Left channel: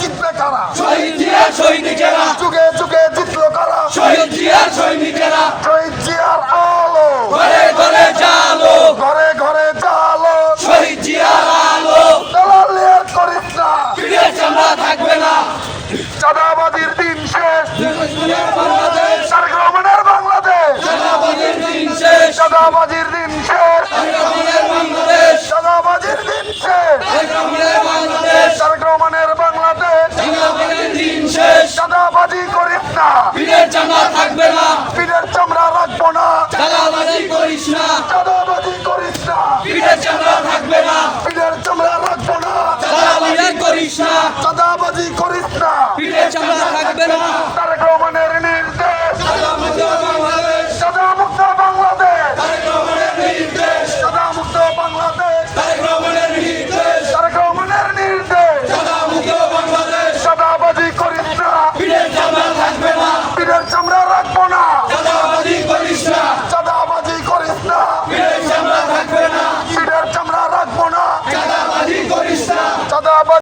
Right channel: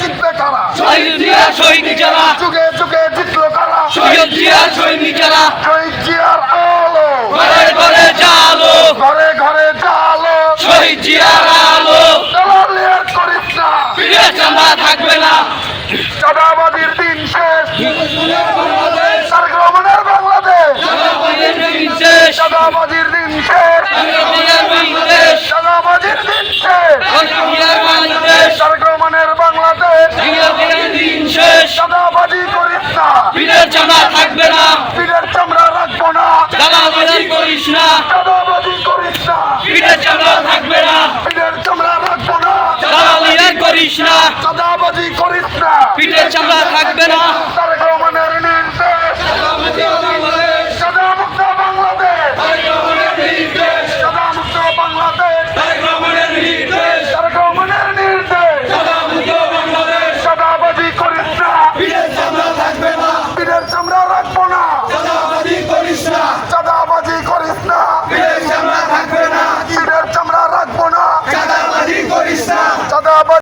জিতবে কারা? শহীদ জিয়া শহীদ যারা, যুগে যুগে জিতলো কারা? শহীদ জিয়া সৈনিক যারা, শহীদ জিয়ার আলো, ঘরে ঘরে জালো, ঘরে ঘরে জালো। শহীদ জিয়ার আলো, দালালি আর করিস না, ফিরে চাঁদা থাকবে না। চাঁদাবাজির দিন শেষ, তারেক রহমানের বাংলাদেশ। চাঁদাবাজির দিন শেষ, চাঁদাবাজির দিন শেষ, চাঁদাবাজির দিন শেষ, চাঁদাবাজির দিন শেষ। জিয়ার বাংলাদেশ, তারেক রহমানের বাংলাদেশ। জিয়ার দিন শেষ, চাঁদাবাজি করিস না, ফিরে চাঁদা থাকবে না। পিঠের চামড়া রাখবো না। দালালি করিস না, চাঁদাবাজি করিস না, ফিরে চাঁদা থাকবে না। পিঠের চামড়া রাখবো না। দালালি করিস না, চাঁদাবাজি করিস না, ফিরে চাঁদা থাকবে না। তারেক রহমানের নির্দেশ। চাঁদামুক্ত বাংলাদেশ, চাঁদামুক্ত বাংলাদেশ। তারেক রহমানের নির্দেশ। চাঁদাবাজি করিস না, পিঠের চামড়া রাখবো না। চাঁদাবাজি করিস না, পিঠের চামড়া রাখবো না। চাঁদাবাজি